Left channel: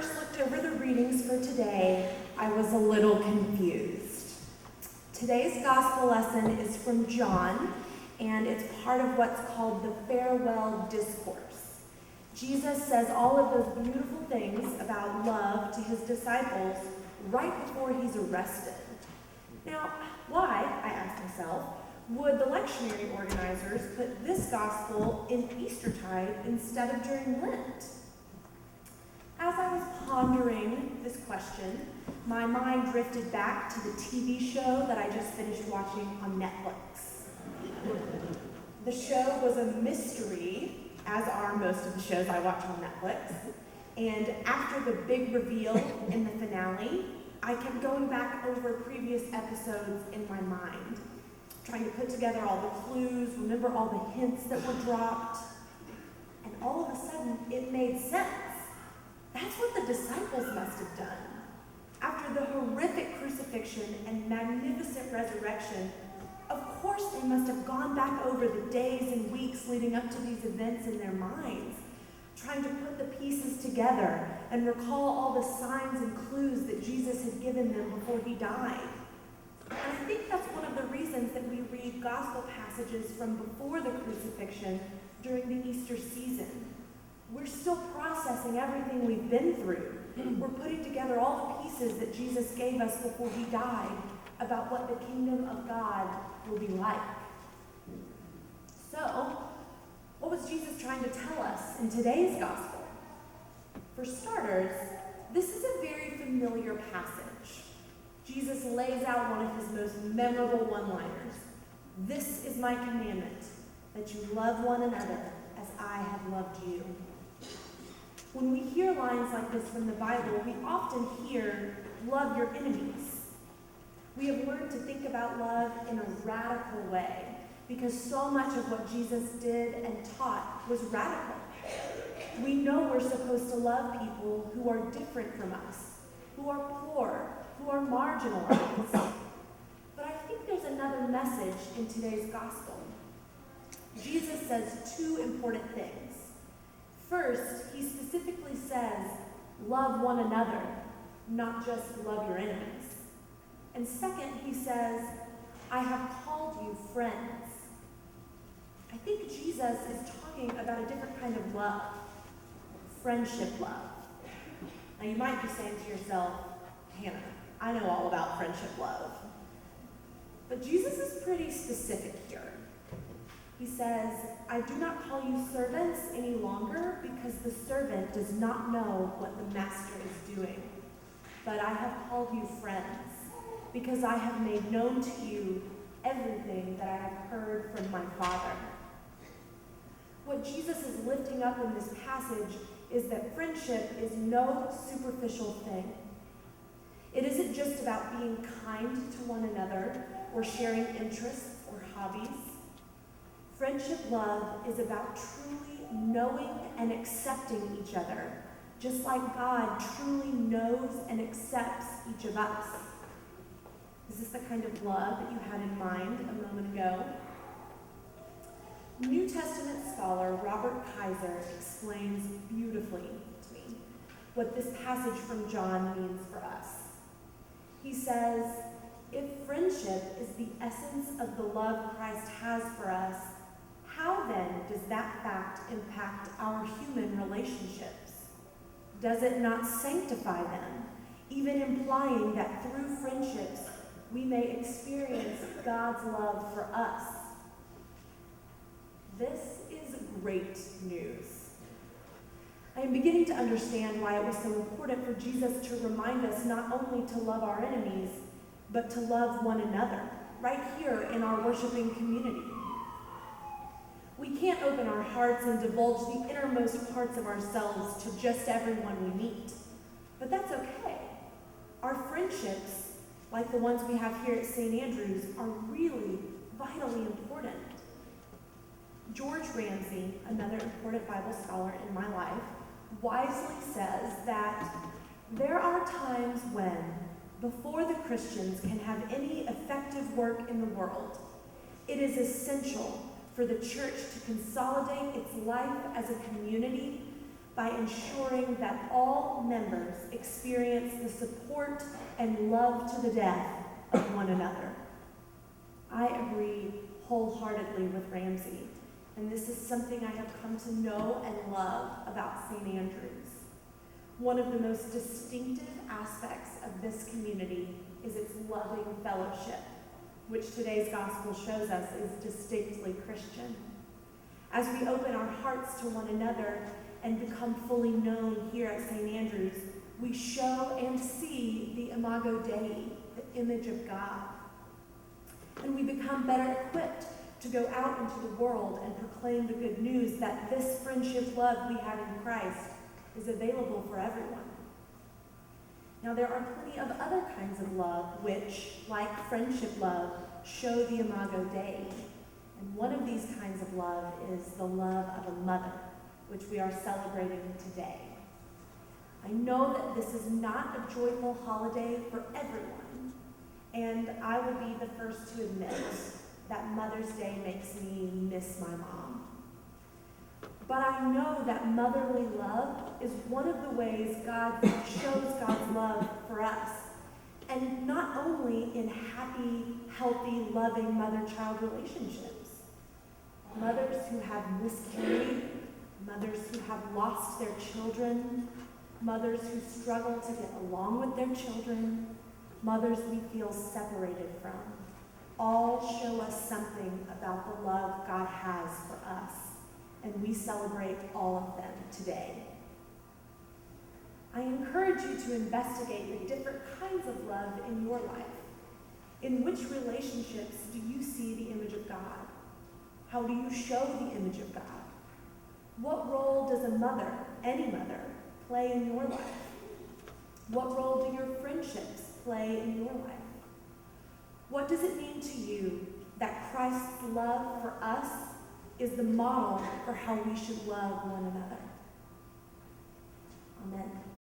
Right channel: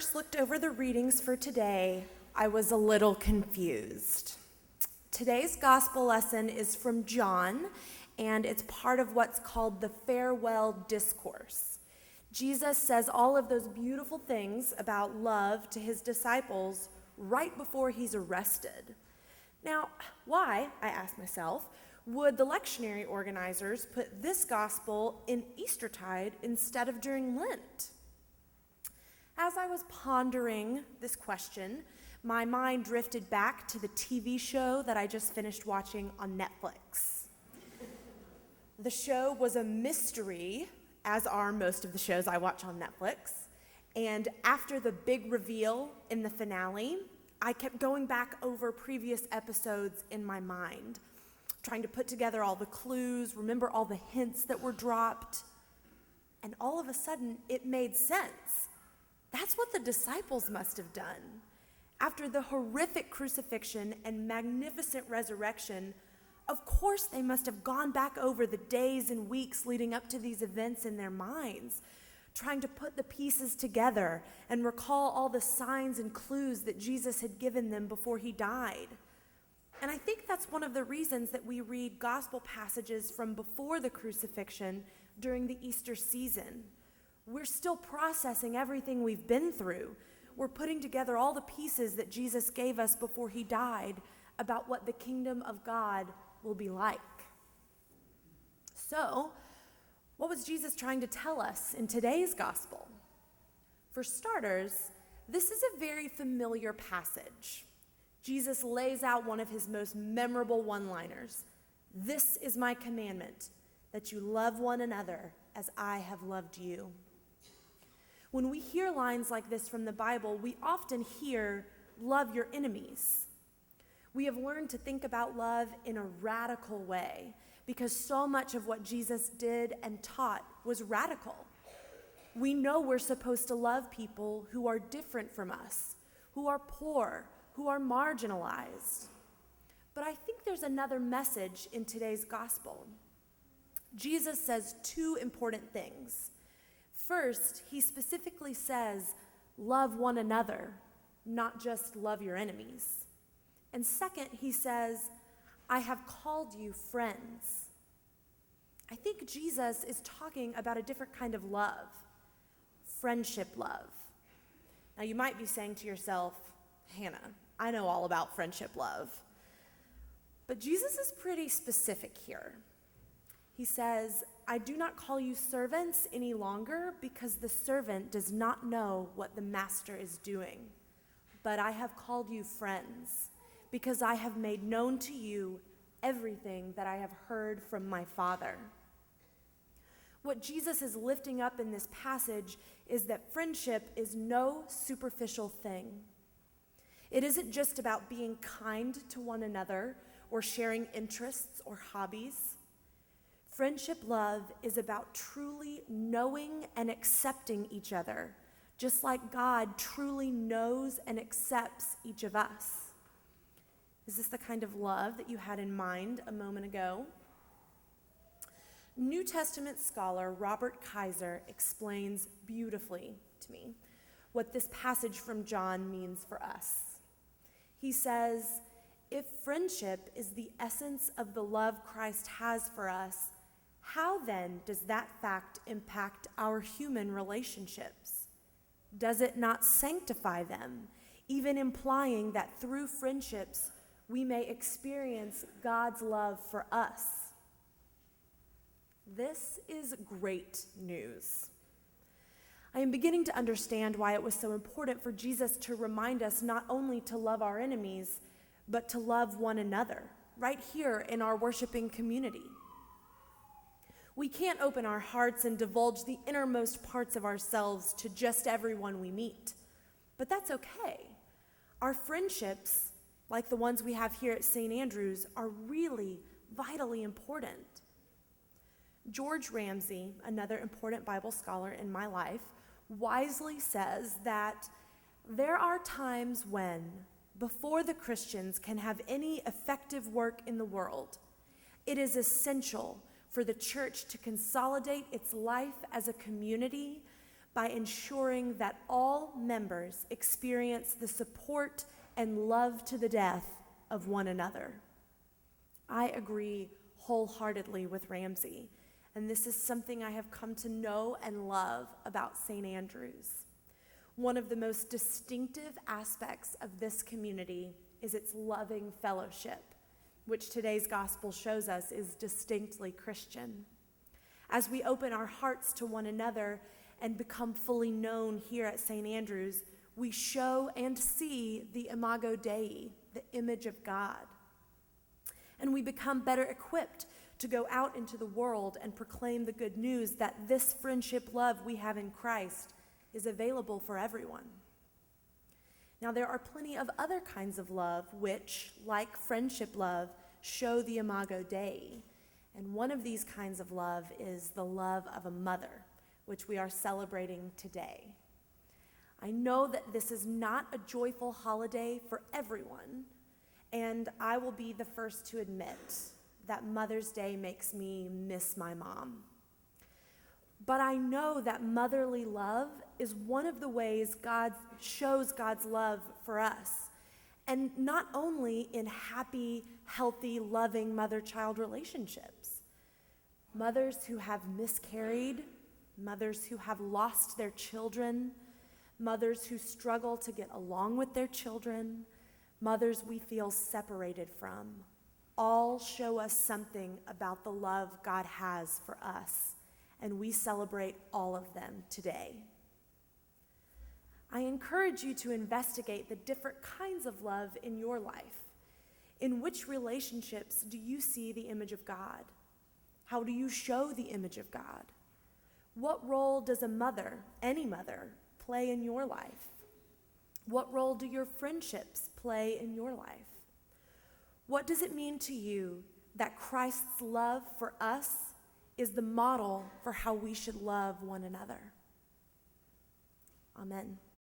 first looked over the readings for today, I was a little confused. Today's gospel lesson is from John, and it's part of what's called the farewell discourse. Jesus says all of those beautiful things about love to his disciples right before he's arrested. Now, why, I asked myself, would the lectionary organizers put this gospel in Eastertide instead of during Lent? As I was pondering this question, my mind drifted back to the TV show that I just finished watching on Netflix. The show was a mystery, as are most of the shows I watch on Netflix, and after the big reveal in the finale, I kept going back over previous episodes in my mind, trying to put together all the clues, remember all the hints that were dropped, and all of a sudden it made sense. That's what the disciples must have done. After the horrific crucifixion and magnificent resurrection, of course they must have gone back over the days and weeks leading up to these events in their minds, trying to put the pieces together and recall all the signs and clues that Jesus had given them before he died. And I think that's one of the reasons that we read gospel passages from before the crucifixion during the Easter season. We're still processing everything we've been through. We're putting together all the pieces that Jesus gave us before he died about what the kingdom of God will be like. So, what was Jesus trying to tell us in today's gospel? For starters, this is a very familiar passage. Jesus lays out one of his most memorable one-liners. This is my commandment, that you love one another as I have loved you. When we hear lines like this from the Bible, we often hear, love your enemies. We have learned to think about love in a radical way because so much of what Jesus did and taught was radical. We know we're supposed to love people who are different from us, who are poor, who are marginalized. But I think there's another message in today's gospel. Jesus says two important things. First, he specifically says, love one another, not just love your enemies. And second, he says, I have called you friends. I think Jesus is talking about a different kind of love, friendship love. Now you might be saying to yourself, Hannah, I know all about friendship love. But Jesus is pretty specific here. He says, I do not call you servants any longer because the servant does not know what the master is doing. But I have called you friends because I have made known to you everything that I have heard from my Father. What Jesus is lifting up in this passage is that friendship is no superficial thing. It isn't just about being kind to one another or sharing interests or hobbies. Friendship love is about truly knowing and accepting each other, just like God truly knows and accepts each of us. Is this the kind of love that you had in mind a moment ago? New Testament scholar Robert Kaiser explains beautifully to me what this passage from John means for us. He says, if friendship is the essence of the love Christ has for us, how then does that fact impact our human relationships? Does it not sanctify them, even implying that through friendships we may experience God's love for us? This is great news. I am beginning to understand why it was so important for Jesus to remind us not only to love our enemies, but to love one another, right here in our worshiping community. We can't open our hearts and divulge the innermost parts of ourselves to just everyone we meet, but that's okay. Our friendships, like the ones we have here at St. Andrews, are really vitally important. George Ramsey, another important Bible scholar in my life, wisely says that there are times when, before the Christians can have any effective work in the world, it is essential for the church to consolidate its life as a community by ensuring that all members experience the support and love to the death of one another. I agree wholeheartedly with Ramsey, and this is something I have come to know and love about St. Andrews. One of the most distinctive aspects of this community is its loving fellowship, which today's gospel shows us is distinctly Christian. As we open our hearts to one another and become fully known here at St. Andrews, we show and see the Imago Dei, the image of God. And we become better equipped to go out into the world and proclaim the good news that this friendship love we have in Christ is available for everyone. Now, there are plenty of other kinds of love which, like friendship love, show the Imago Dei. And one of these kinds of love is the love of a mother, which we are celebrating today. I know that this is not a joyful holiday for everyone, and I will be the first to admit that Mother's Day makes me miss my mom. But I know that motherly love is one of the ways God shows God's love for us. And not only in happy, healthy, loving mother-child relationships. Mothers who have miscarried, mothers who have lost their children, mothers who struggle to get along with their children, mothers we feel separated from, all show us something about the love God has for us. And we celebrate all of them today. I encourage you to investigate the different kinds of love in your life. In which relationships do you see the image of God? How do you show the image of God? What role does a mother, any mother, play in your life? What role do your friendships play in your life? What does it mean to you that Christ's love for us is the model for how we should love one another? Amen.